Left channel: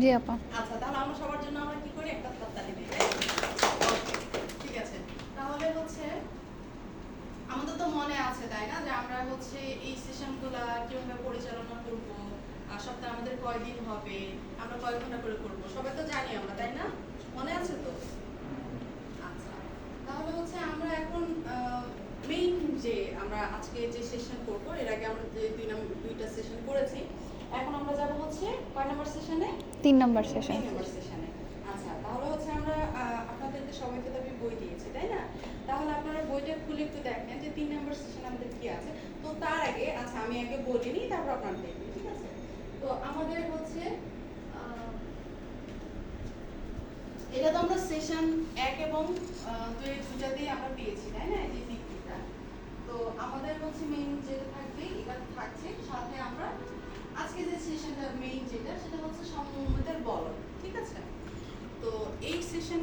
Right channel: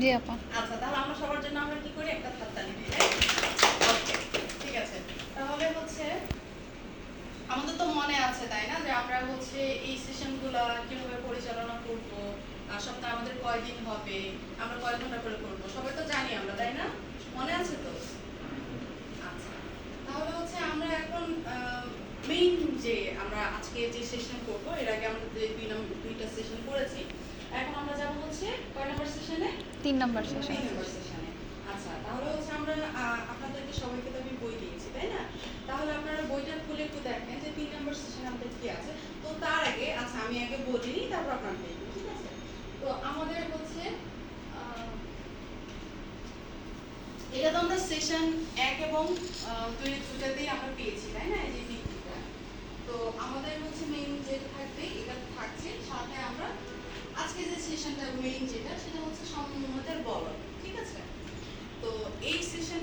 জি, আপা। আচ্ছা তাহলে আমরা সবার জন্য আমরা কি করি? একটা হাততালি দিই ঠিক আছে। তাহলে হচ্ছে, আমাদের তো মনে আছে, তাই না? যে আমরা হচ্ছে এই সেশনগুলো কীভাবে পরিচালনা করব সপ্তাহে আমাদের কয়দিন হবে, আমরা কয় ঘণ্টা করে করব, সবাই তো জানি আমরা, তাই না? মনে আছে তো? আচ্ছা তাহলে হচ্ছে আমরা এখন মেইন যে আমরা আজকে যে সেশন করব, এর আগে আমরা দুই দুইটা সেশন করেছি এখন আমরা যাব হচ্ছে কয় নম্বর সেশনে তিন নম্বর সেশন আচ্ছা খুলে একটু দেখেন যে তিন নম্বর তার আগে আচ্ছা আমি আগে তারপর তো আমাদের হচ্ছে এটা তো আমরা এক এবং দুই আমরা পেয়েছি, তাই না? তো আমাদের হচ্ছে যেটা এটা থাকছে, সাথে আমরা আজকে যে সেশনটা মেইন যেটা, সেটা হচ্ছে সমমতের বলন ঠিক আছে? তো এই সেশন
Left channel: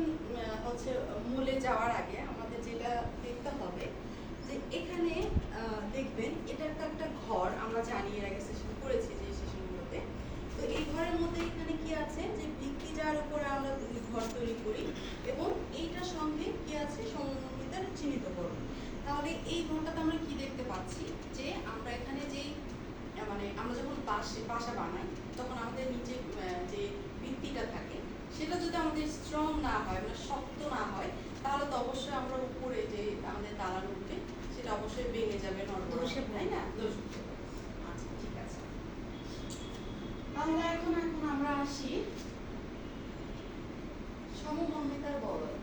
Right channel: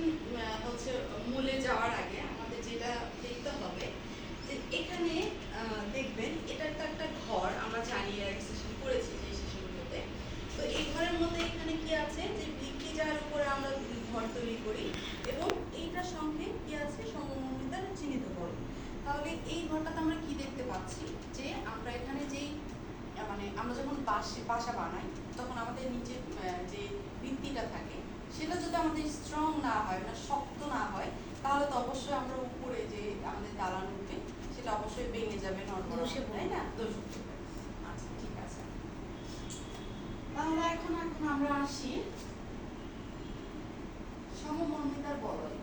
হচ্ছে মূলে যাওয়ার আগে আমাদের যেটা দেখতে হবে, যে এখানে দেখবেন এটা একটা একটা ঘর আমরা জানি এর আগে সেশন করেছি যে সেশনগুলোতে তো এই ঘরের মধ্যে এখানে কি আছে? যে ভিত্তি যার উপরে আমরা ঘর তৈরি করি এবং এইটার সঙ্গে কি আছে? সমমমিতার চিহ্নিতকরণ। তাহলে এই ঘরটাতে আমরা কি দেখতে পাচ্ছি? যে আমরা এখানে যেই মানে আমরা যখন বাসে বাসা বানাই তখন আমাদের নিচে আহ, যে ভিত্তিটা থাকে সেটা যদি আমাদের স্ট্রং না হয় মানে শক্ত না হয় তাহলে তো অবশ্যই আমরা উপরে যে আমাদের দালান উঠবে সেটা অবশ্যই ভেঙে যাবে নড়বড় তাই না? দোষ আচ্ছা ঠিক আছে। তাহলে এখন এখন আমরা আসি? সমমর্মিতার বলয়।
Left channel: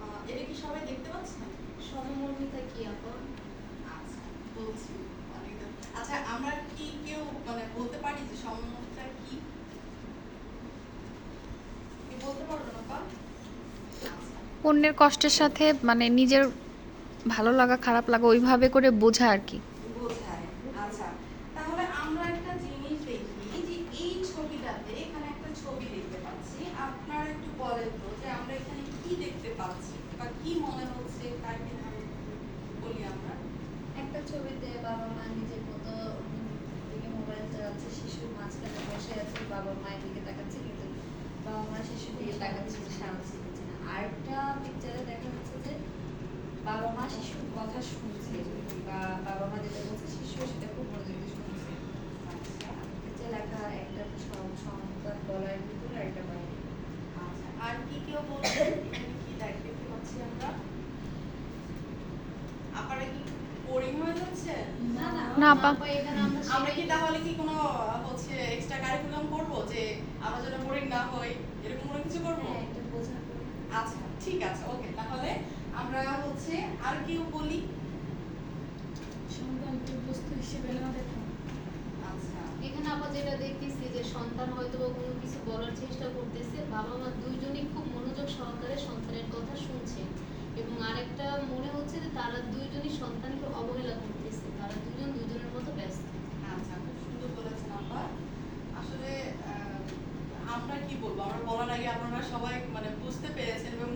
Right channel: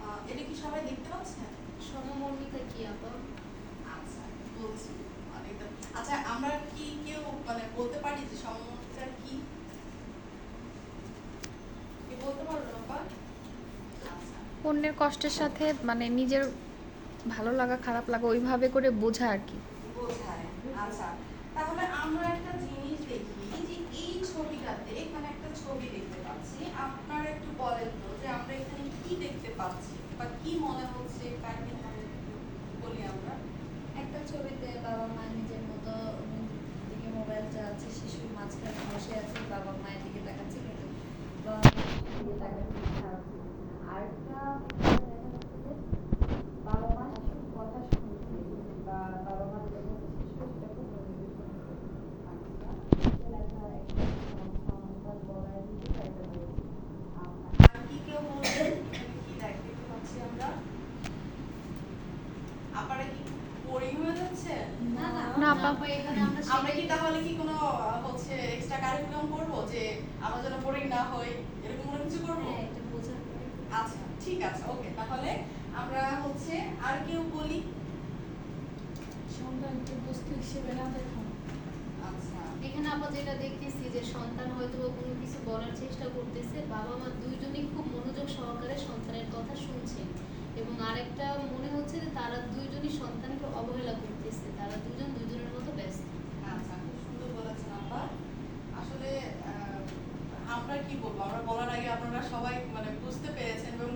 আহ, এটা কি সবাই দেখতে পাচ্ছেন? সমমর্মিতা কি আপা আচ্ছা বলছি অনেক দিন- আচ্ছা আমরা কি মানে বলতে পারি যে সমমর্মিতা কি? কি বলতে পারো না অন্যের কষ্টের সাথে মানে নিজের ভালো লাগা খারাপ লাগা ওইভাবে করে বোঝা আর কি। বোঝায়। আচ্ছা তাহলে আমরা একটা জিনিস দেখি যে এই ছবিটাতে এখানে একটা ছবি দেখতে পাচ্ছি। আপনারা একটু বলেন তো যে আমরা এখানে কি দেখতে পাচ্ছি বা কি মনে হচ্ছে? কাকে বলি আমরা? একটা ছবিতে বাবা মা নিজের মতো মোবাইল চালাচ্ছে শিশুর মাঝখানে বসে আছে বাবা মায়ের দিকে তাকাচ্ছে কিন্তু বাবা মা শিশুর দিকে তাকাচ্ছে সাহায্য করছে না। আরেকটা পিকচারে দেখা যাচ্ছে যে বাবা মা শিশুর কথা শুনছে বা বাবা মা যেটা বলছে শিশু সেটা খুব মনোযোগ দিয়ে শুনছে। আচ্ছা যে লেখা একটা সম- সমতার বলয়ের ভিতরে একটা আচ্ছা আর কি কেউ বলছেন এখানে কি দেখতে পাচ্ছি আমরা? আপনারা কি বোরিং হয়ে যাচ্ছে? না আমরা কি তাহলে কি কোনো হচ্ছে এক্সট্রা কারিকুলাম করব যে আমরা যেন বোরিং না হই এরকম কোনো কিছু করব? হ্যাঁ, আচ্ছা ঠিক আছে ওকে। তাহলে আমরা হচ্ছে আর কেউ বলি? সন্তানকে বস্তু হিসেবে না দেখা। আচ্ছা। এখানে আমরা যেটা দেখতেছি যে সন্তান হয়তো বা কোনো কিছু বলার চেষ্টা করতেছে বাবা মা দুইজনই খুব মনোযোগ সহকারে সন্তানের কথা শুনছে এবং আরেকটা মনে হচ্ছে যে তারা দুইজনই সন্তানকে অবহেলা করতেছে তারা দুজন দুজনের মতো ব্যস্ত আচ্ছা খুব সুন্দর বলেছেন আপা আসলে আহ, আমরা কি বলব? আমরা বলার আগে আপনারা সবাই মানে বুঝতে পেরেছেন এবং